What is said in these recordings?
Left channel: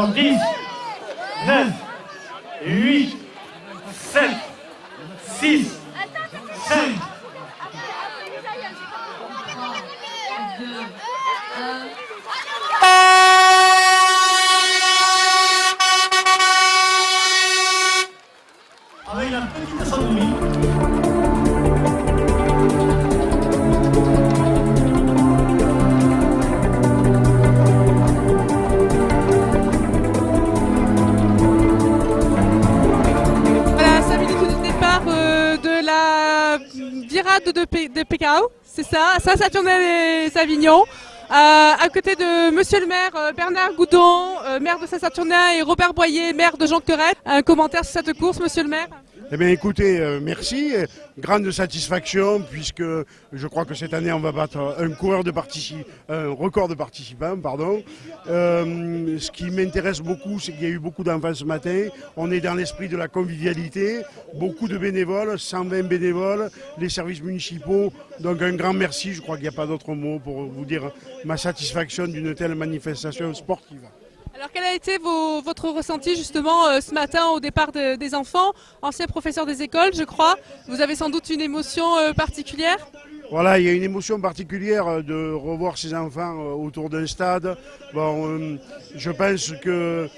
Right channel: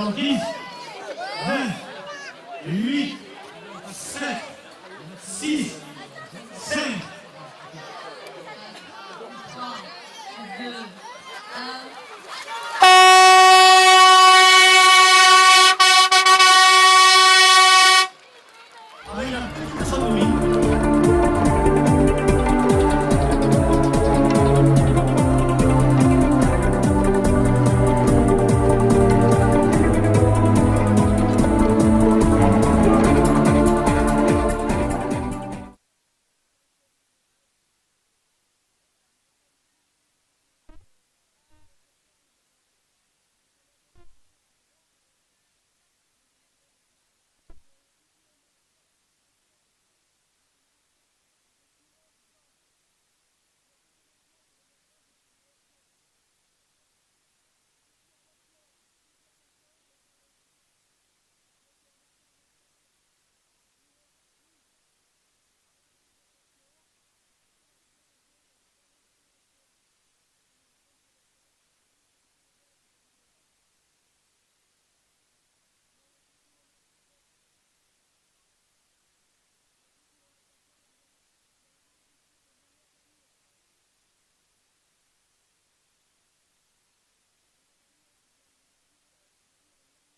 Alors 10, 9, 8, 7, 6, 5. Avec la petite sonnerie. De Pécao, c'est ça, Saint-Saturnin-les-Avignon, à côté de Monsieur le maire Bernard Goudon, maire de Saint-Saturnin, et Robert Boyer, maire de Jonquerette. Un commentaire sur cette course, Monsieur le maire? Eh bien écoutez, merci, grande satisfaction puisque je crois que cette année on va battre un record de participants. Ce qui m'intéresse beaucoup, c'est qu'il y a eu beaucoup d'enfants ce matin. On est dans l'esprit de la convivialité, beaucoup de bénévoles, 120 bénévoles, les services municipaux. Donc un grand merci, je crois qu'il n'y a pas d'autre mot pour vous dire ma satisfaction d'une telle manifestation sportive. Alors quel a été votre ressenti justement ce matin au départ des enfants, anciens professeurs des écoles je crois? Vous avez sans doute une émotion particulière? Voilà, il y a une émotion particulière de revoir ces enfants autour d'un stade. Bon, je pense que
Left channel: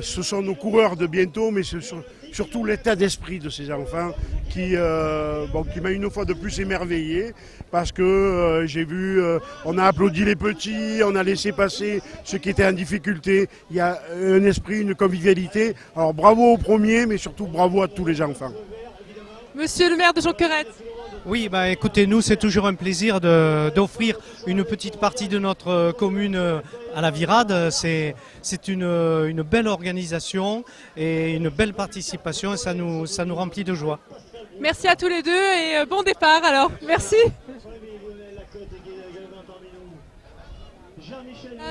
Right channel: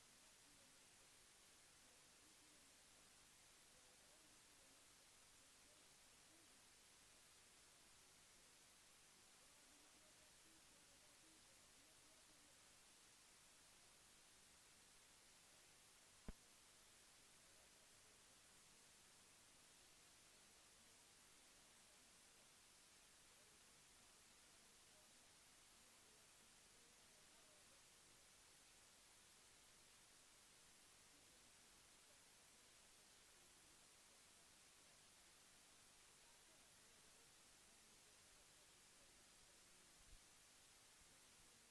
ce sont nos coureurs de bientôt, mais c'est surtout l'état d'esprit de ces enfants qui m'a une fois de plus émerveillé. Parce que j'ai vu, on a applaudi les petits, on a laissé passer ceux qui étaient en difficulté. Il y a un esprit, une convivialité. Alors bravo aux premiers, mais surtout bravo à tous les enfants. Monsieur le maire de Jonquerette. Oui, écoutez, nous c'est toujours un plaisir d'offrir une petite partie de notre commune à la Virade. C'est une belle organisation et une belle participation et ça nous remplit de joie. Merci à tous les deux et bon départ alors. Merci.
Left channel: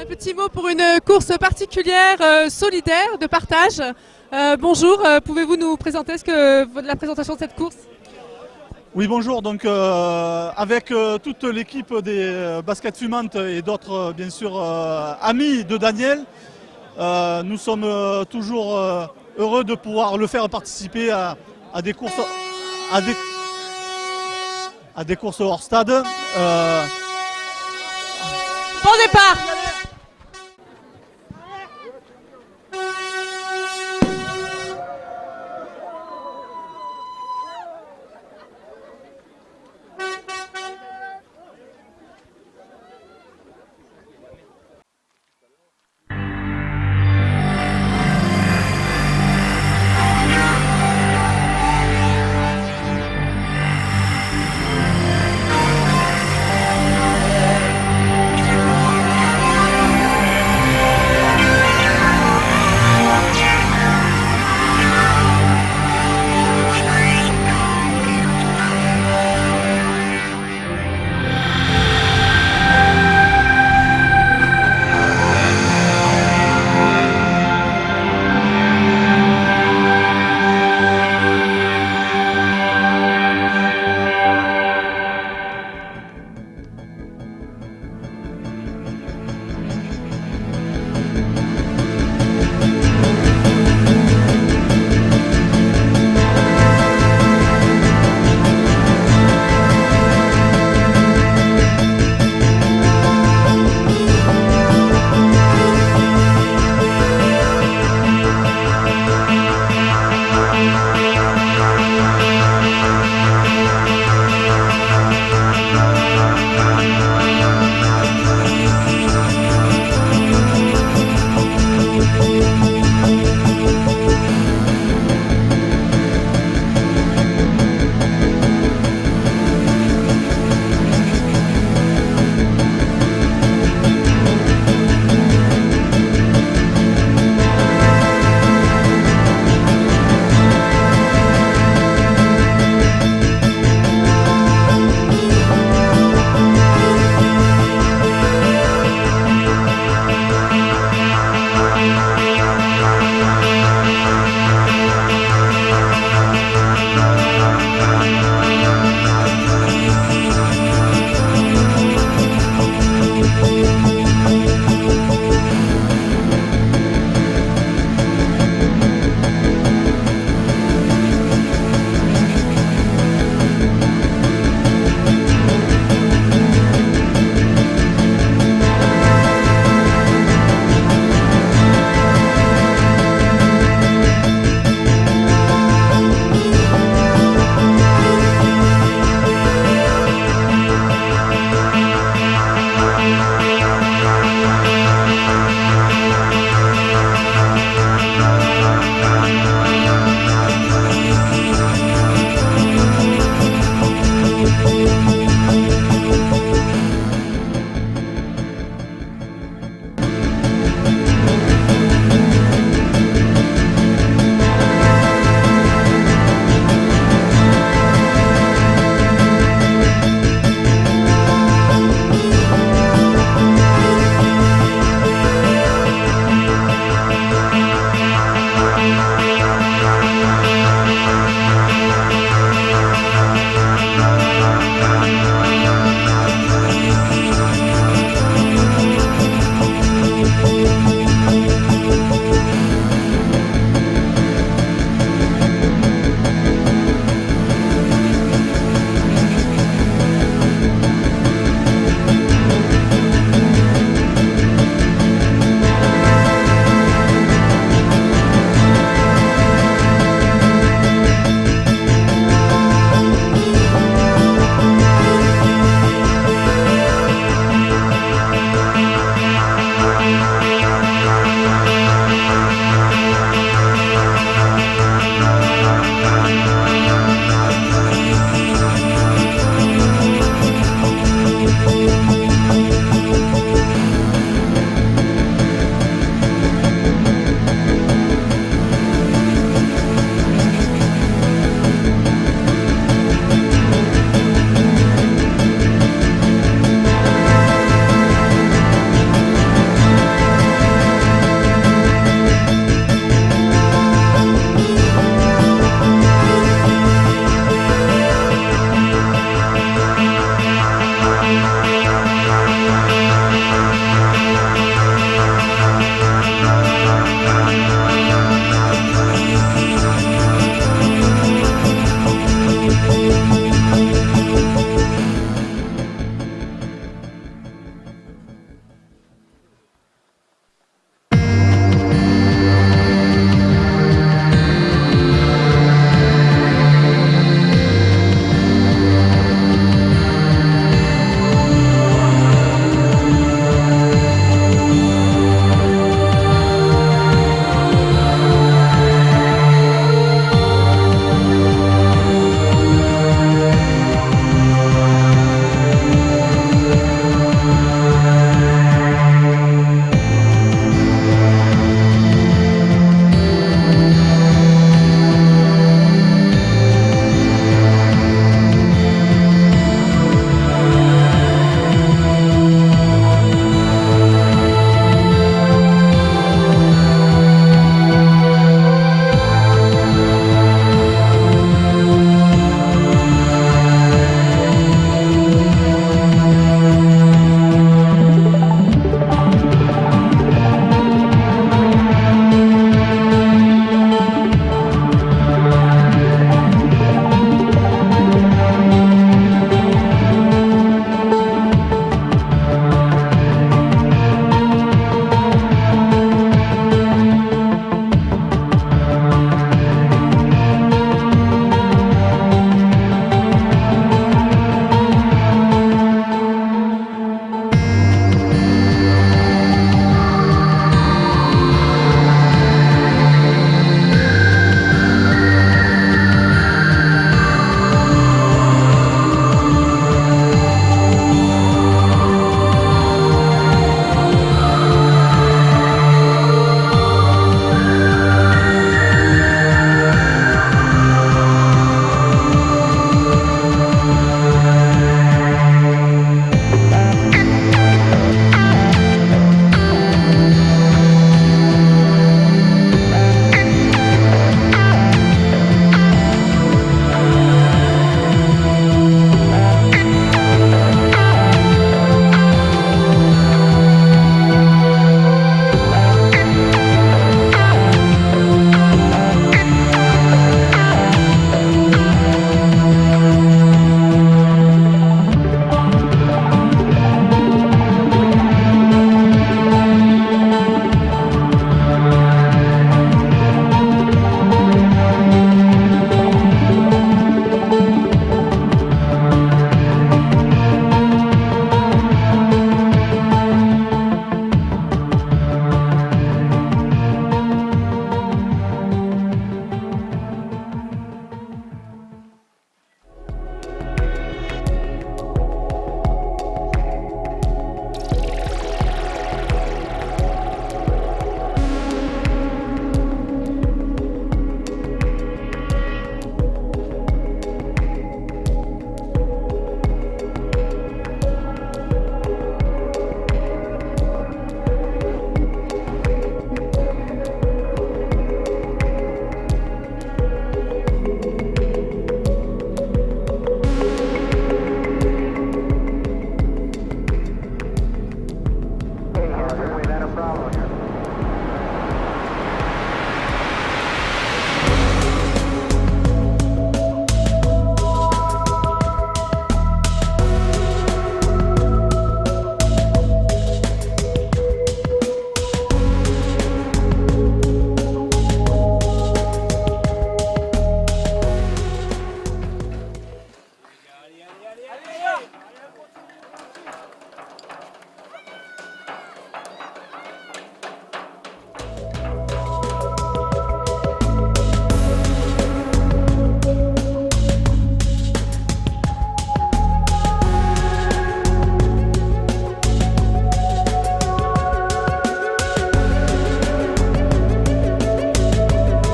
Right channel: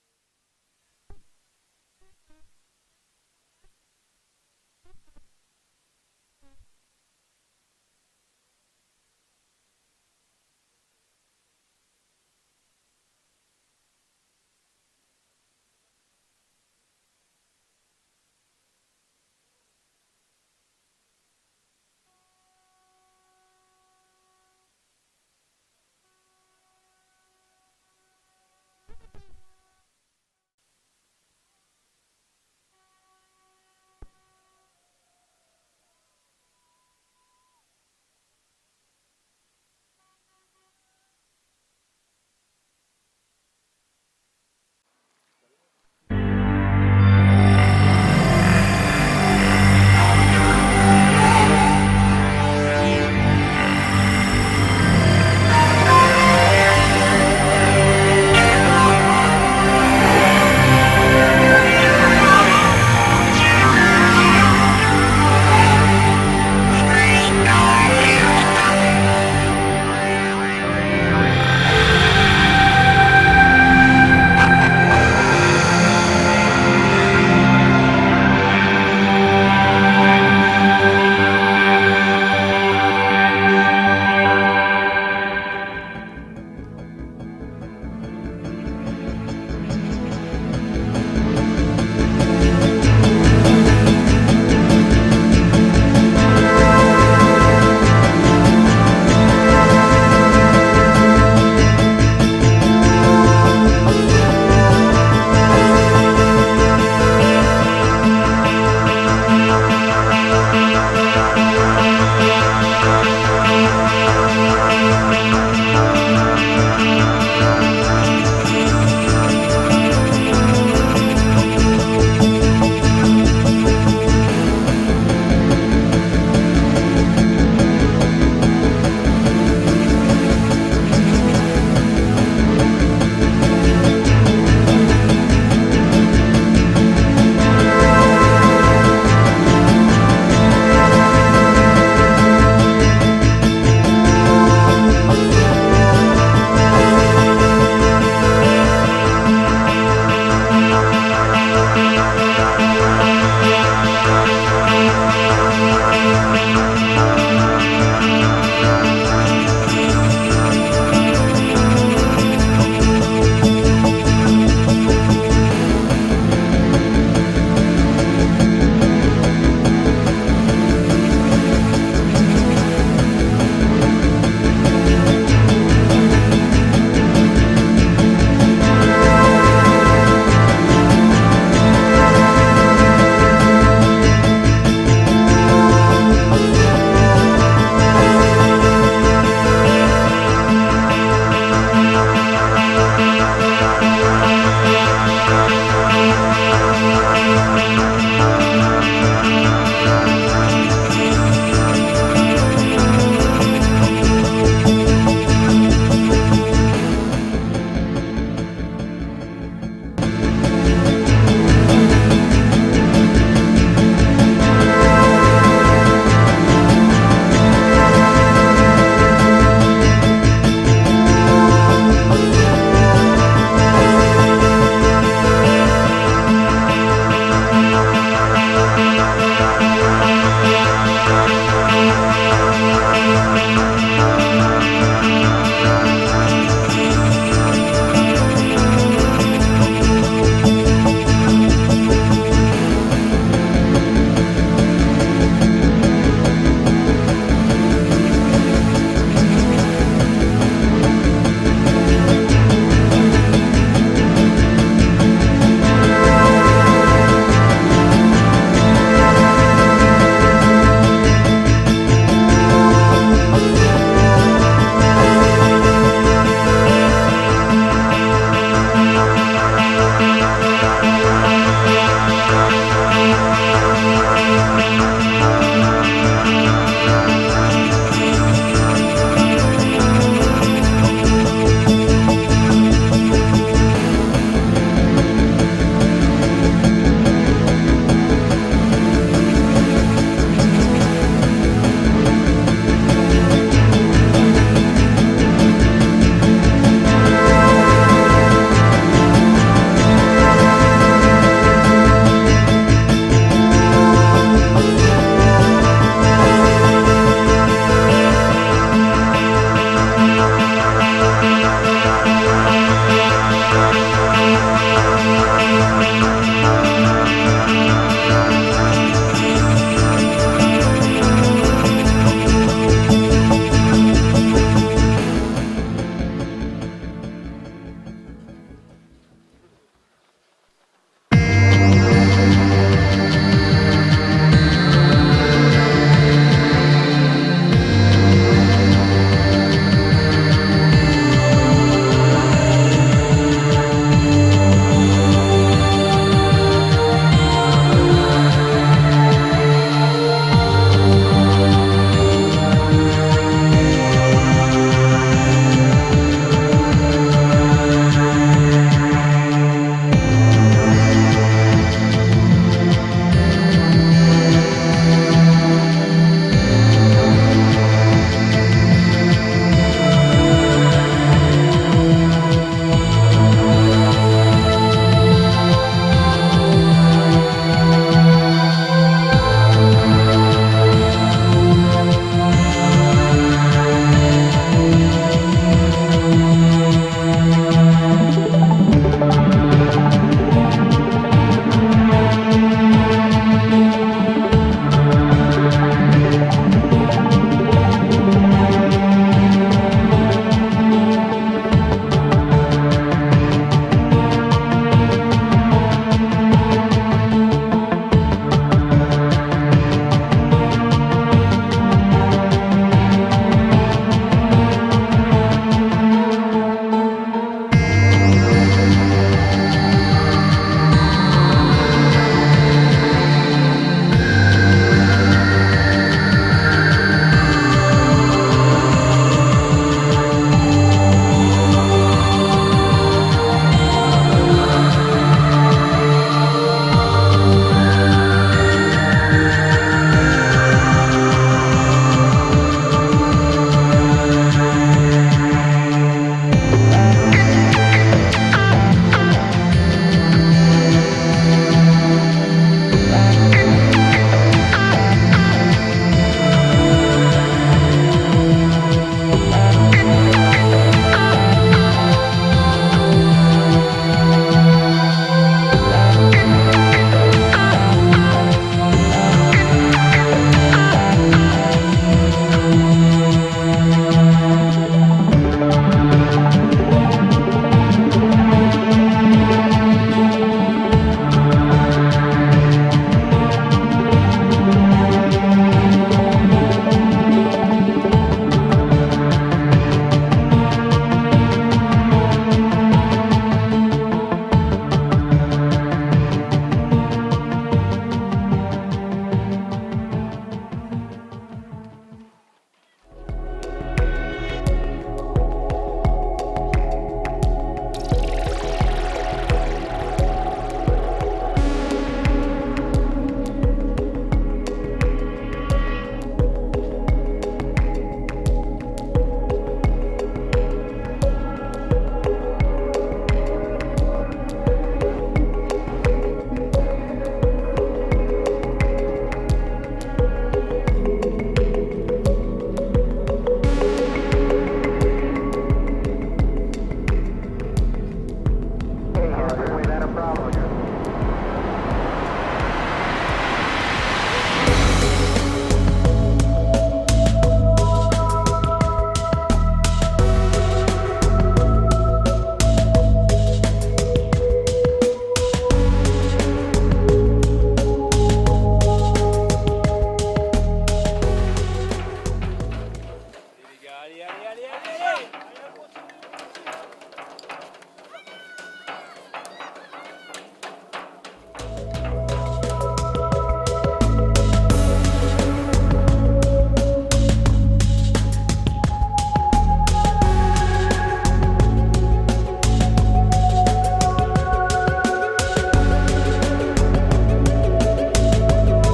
Un petit mot pour une course particulière, solidaire, de partage. Bonjour, pouvez-vous nous présenter la présentation de cette course? Oui, bonjour. Donc, avec toute l'équipe des Baskets Fumantes et d'autres, bien sûr, amis de Daniel, nous sommes toujours heureux de pouvoir le faire participer à des courses, à des courses hors stade. Bon départ!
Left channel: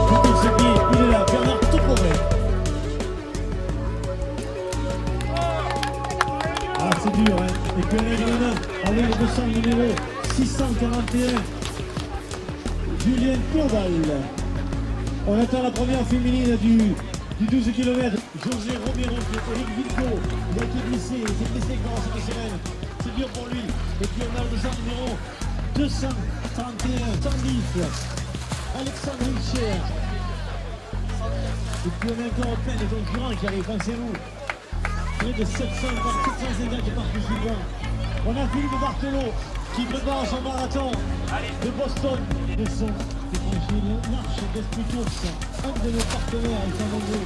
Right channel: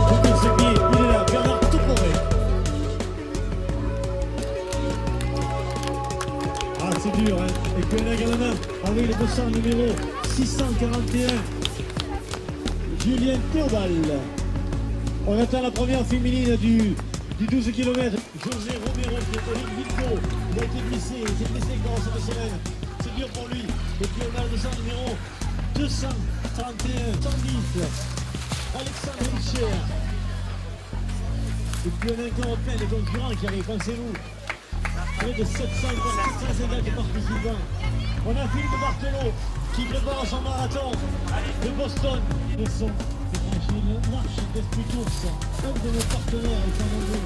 Pour ce qui est, il est là, Bernard Toporé. Ah, c'est dur, hein. Et puis on a également, avec le 200 numéro 641, Julien Théobald. On attend la première féminine du 12 km. José Romero, qui est Eric Vilco. Il a été blessé, il s'est blessé quand cette semaine. C'est dur pour lui. Et puis on a le 200 numéro 231, 110. Alexandre Richer. Et puis on a encore plein de concurrents qui arrivent, pensez-vous. Près de 750 participants. On a Philippe Barthelot qui prépare son marathon de Boston. Le son, c'est franchi une marche d'Esprit Course. Un de nos partenaires, ils sont nombreux.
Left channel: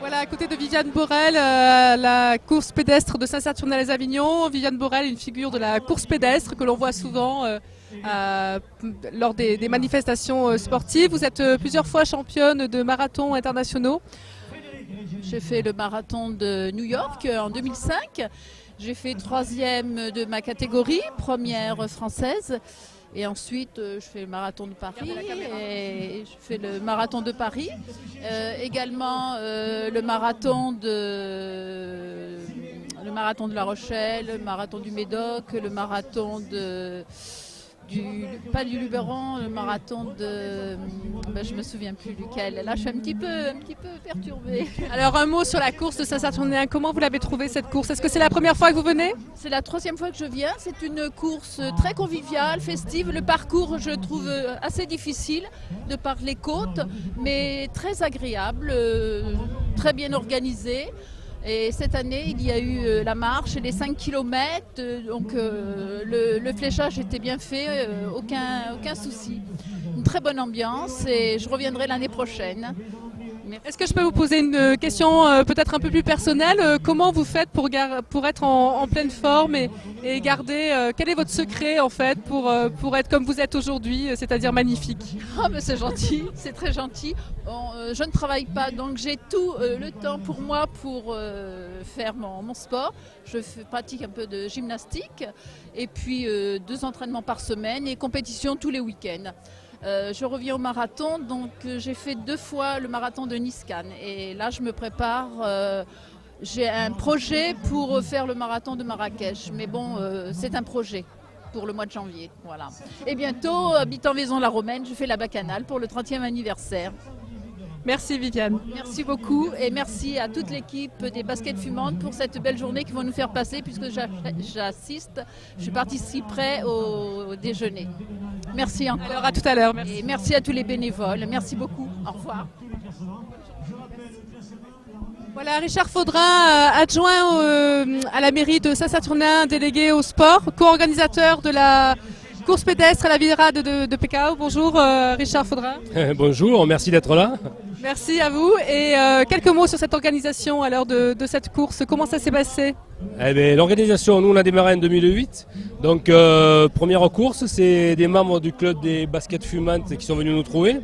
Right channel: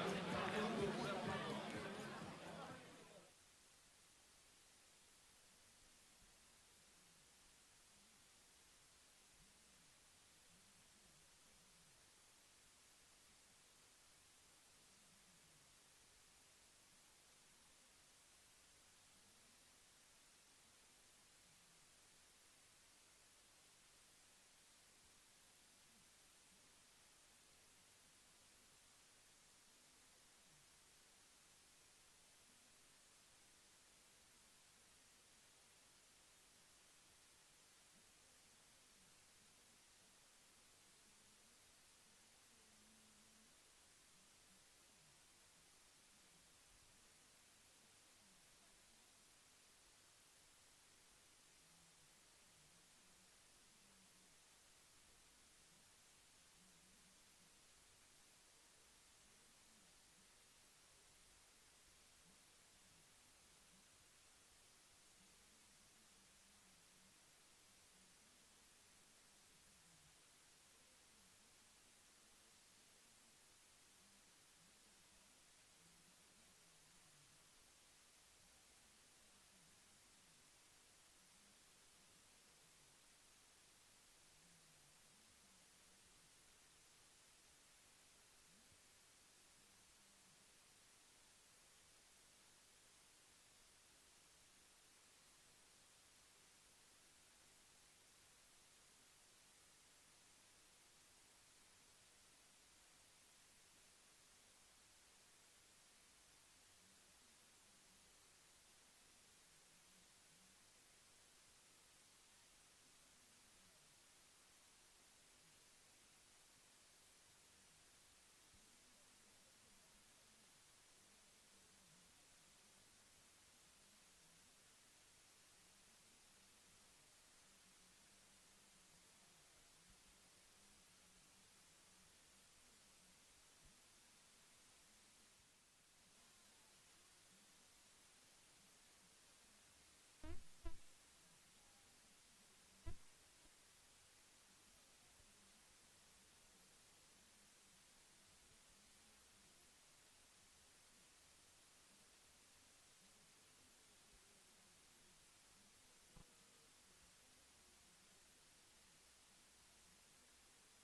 Voilà, à côté de Viviane Borel, la course pédestre de Saint-Saturnin-les-Avignon. Viviane Borel, une figure de la course pédestre que l'on voit souvent lors des manifestations sportives. Vous êtes plusieurs fois championne de marathons internationaux. J'ai fait le marathon de New York en 2005. J'ai fait 3e de ma catégorie, première française. Et ensuite, je fais le marathon de Paris et je fais le marathon de Paris. Également le marathon de La Rochelle, le marathon du Médoc, le marathon pas du Luberon, le marathon de... je me souviens plus duquel. Là, je suis un petit peu perturbée. Alors un mot sur la course de Saint-Saturnin. Comment vous l'avez trouvée cette course? Est-ce que c'est la première fois que vous venez? C'est la 3e fois que je viens. C'est une course très conviviale, festive. Le parcours, je trouve assez difficile de par les côtes, mais très agréable, très bien organisé. Et cette année, il y a eu la marche et les 5 km, donc le fléchage était bien fait, aucun souci. Une très bonne ambiance et je reviendrai l'année prochaine. Est-ce que je peux vous poser une question peut-être un peu plus personnelle? Comment vous faites pour être en pleine forme et garder... quel est votre secret en fait pour être comme vous êtes aujourd'hui, c'est-à-dire magnifique? Ah ben c'est gentil, c'est très gentil. Je ne travaille pas, donc j'ai tout le temps pour moi pour faire mon sport. Je pratique un peu de gymnastique et puis 2 entraînements par semaine et compétition tous les week-ends. Je reviens au marathon, donc j'ai fait 2 fois le marathon de Nice-Cannes et là je me prépare, j'ai un projet pour faire le marathon de Marrakech, mais bon c'est un projet pour le mois de janvier, voilà. Et bientôt, habitant Vaison-la-Romaine, je fais la bacchanale pour le 30e anniversaire. Merci Viviane. Merci beaucoup et merci à toute l'équipe des Baskets Fumantes pour cette belle journée qu'ils vont nous faire passer puisque je participerai au déjeuner. Merci encore. Alors à tout à l'heure. Merci. Et merci à tous les bénévoles. Merci beaucoup. Au revoir. Voilà, Richard Faudrin, adjoint à la mairie de Saint-Saturnin, délégué au sport, co-organisateur de la course pédestre à la virade de Pekao. Bonjour Richard Faudrin. Bonjour, merci d'être là. Merci à vous. Et quelques mots sur cette organisation à l'heure de cette course. Comment ça s'est passé? L'organisation, nous on a démarré en 2008. Donc première course, c'est des membres du club des baskets fumantes qui sont venus nous trouver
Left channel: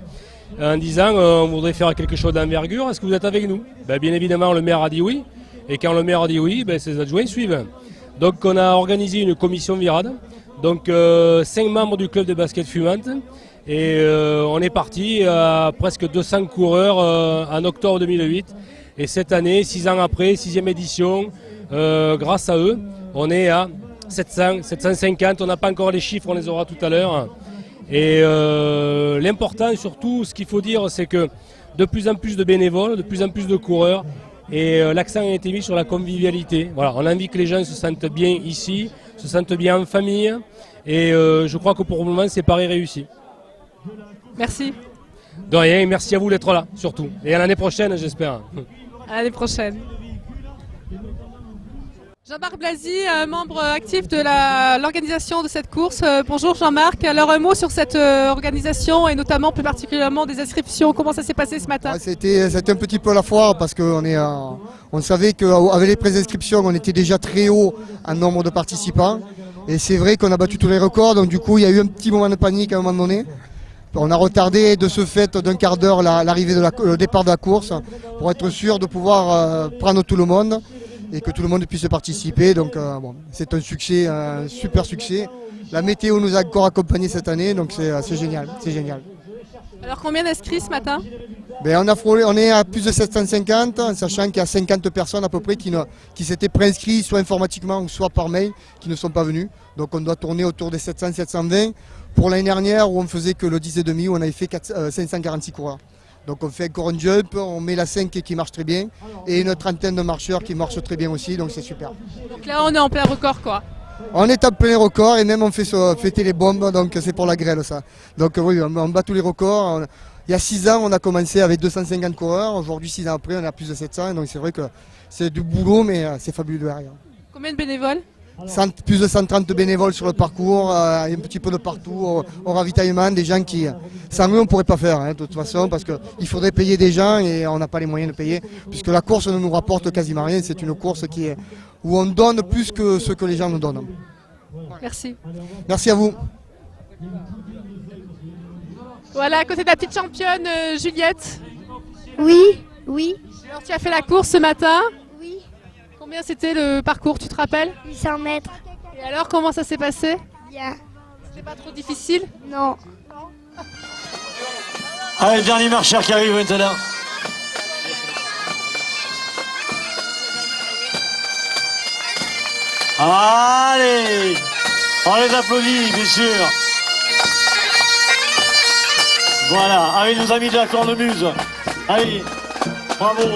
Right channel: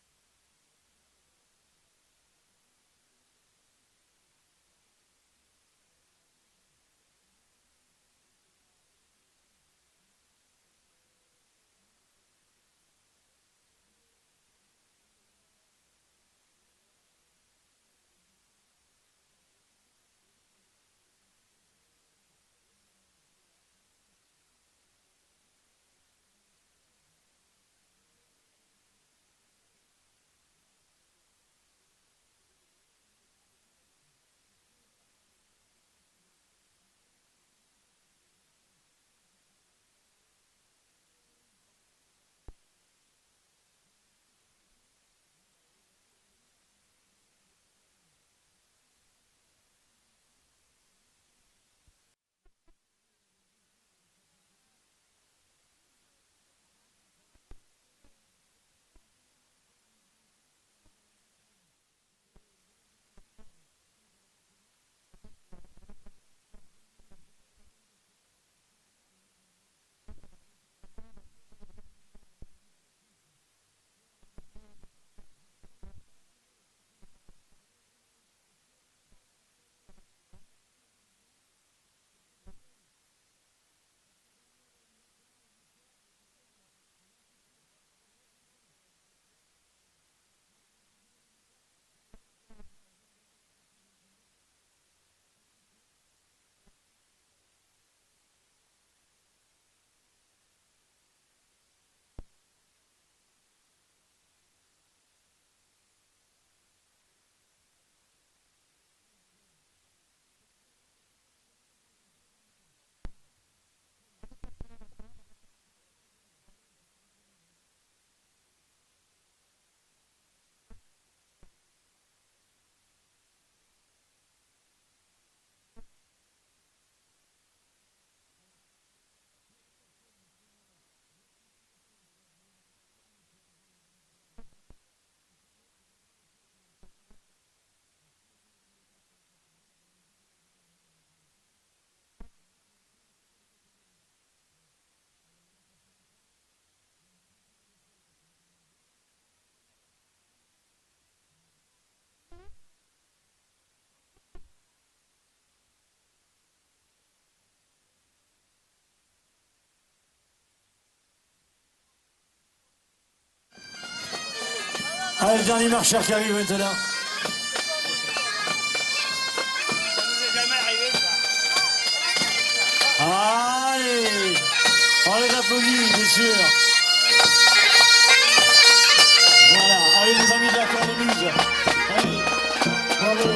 en disant on voudrait faire quelque chose d'envergure, est-ce que vous êtes avec nous? Bien évidemment le maire a dit oui. Et quand le maire a dit oui, ses adjoints suivent. Donc on a organisé une commission virade Donc 5 membres du club de basket fumante. Et on est parti à presque 200 coureurs en octobre 2008. Et cette année, 6 ans après, 6e édition, grâce à eux, on est à 700, 750. On n'a pas encore les chiffres, on les aura tout à l'heure. Et l'important surtout, ce qu'il faut dire, c'est que de plus en plus de bénévoles, de plus en plus de coureurs, et l'accent a été mis sur la convivialité. Voilà, on a envie que les gens se sentent bien ici, se sentent bien en famille, et je crois que pour le moment, c'est pari réussi. Merci. De rien, merci à vous d'être là, surtout. Et à l'année prochaine, j'espère. À l'année prochaine. Jean-Marc Blasi, membre actif de l'organisation de cette course. Bonjour Jean-Marc. Alors un mot sur cette organisation et notamment plus particulièrement des inscriptions. Comment ça s'est passé ce matin? C'était un petit peu la foire parce qu'on savait qu'avec les préinscriptions, on était déjà très haut en nombre de participants. Et c'est vrai qu'on a battu tous les records, donc du coup il y a eu un petit moment de panique à un moment donné. On a retardé de ce fait d'un quart d'heure l'arrivée le départ de la course pour être sûr de pouvoir prendre tout le monde et que tout le monde puisse participer. Donc bon, c'est un succès, un super succès. La météo nous a encore accompagnés cette année, donc c'est génial, c'est génial. Alors combien d'inscrits ce matin? Ben, on est à plus de 750, en sachant qu'il y a 50 personnes à peu près qui s'étaient préinscrits soit informatiquement ou soit par mail, qui ne sont pas venus. Donc on doit tourner autour des 700-720. Pour l'année dernière où on faisait que le 10,5, où on avait fait 546 coureurs. Donc on fait encore un jump, on met la 5 qui marche très bien et une trentaine de marcheurs qui marchent très bien aussi, donc c'est super. Donc là on est en plein record quoi. On est en plein record et même on fait fêter les bombes, donc c'est pour la grêle ça. Donc oui, on bat tous les records. Il y a 6 ans on a commencé avec 250 coureurs, aujourd'hui 6 ans après on a plus de 700, donc c'est vrai que c'est du boulot mais c'est fabuleux derrière. Combien de bénévoles? Plus de 130 bénévoles sur le parcours, un petit peu de partout, au ravitaillement, des gens qui, sans eux on ne pourrait pas faire de toute façon parce qu'il faudrait payer des gens et on n'a pas les moyens de payer puisque la course ne nous rapporte quasiment rien, c'est une course où on donne plus que ce que les gens nous donnent. Merci. Merci à vous. Voilà, à côté de la petite championne Juliette. Oui. Alors tu as fait la course ce matin? Oui. Combien c'était le parcours, tu te rappelles? 800 mètres. Et alors comment ça s'est passé? Bien. C'était pas trop difficile? Non. Allez, le dernier marcheur qui arrive maintenant. Allez, on les applaudit, bien sûr. Voilà, avec nos amis de la cornemuse. Allez, bravo.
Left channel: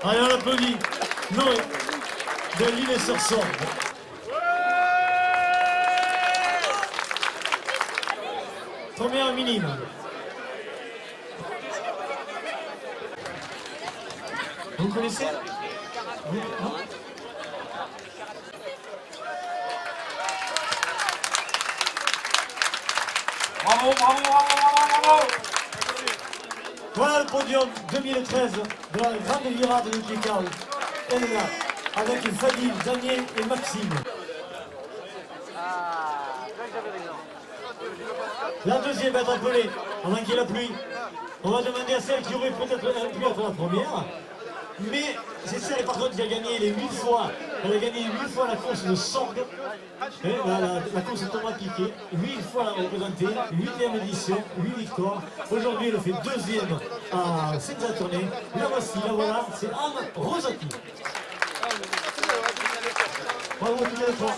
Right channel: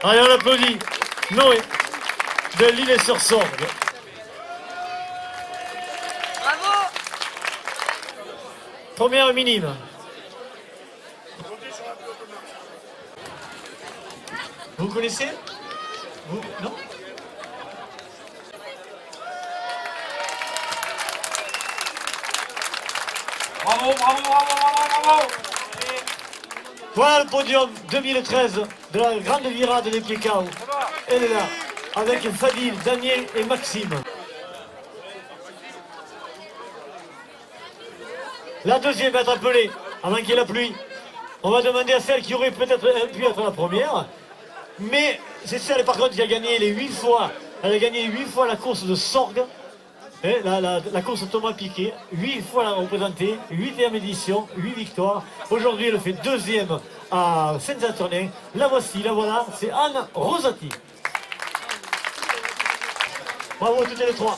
Allez, on applaudit Noé de l'Île-sur-Sorgue. Première minime. Vous connaissez? Non? Bravo, bravo, bravo, bravo, bravo! Voilà le podium 2013 de la grande virade des Piekao. Elle est là, avec Fadil, Daniel et Maxime. La deuxième va être appelée, avant qu'il y ait la pluie. On va demander à celle qui aurait peut-être pu être la première. Mais c'est celle par contre qui a gagné les 8 fois. Elle a gagné 8 fois la course de Sorgue. La course Thomas Piquet, 8 fois la représentée, 8e édition, 8 victoires. Aujourd'hui, elle fait 2e à Saint-Saturnin. La voici, la voilà, c'est Anne Rosati. Bravo toutes les trois.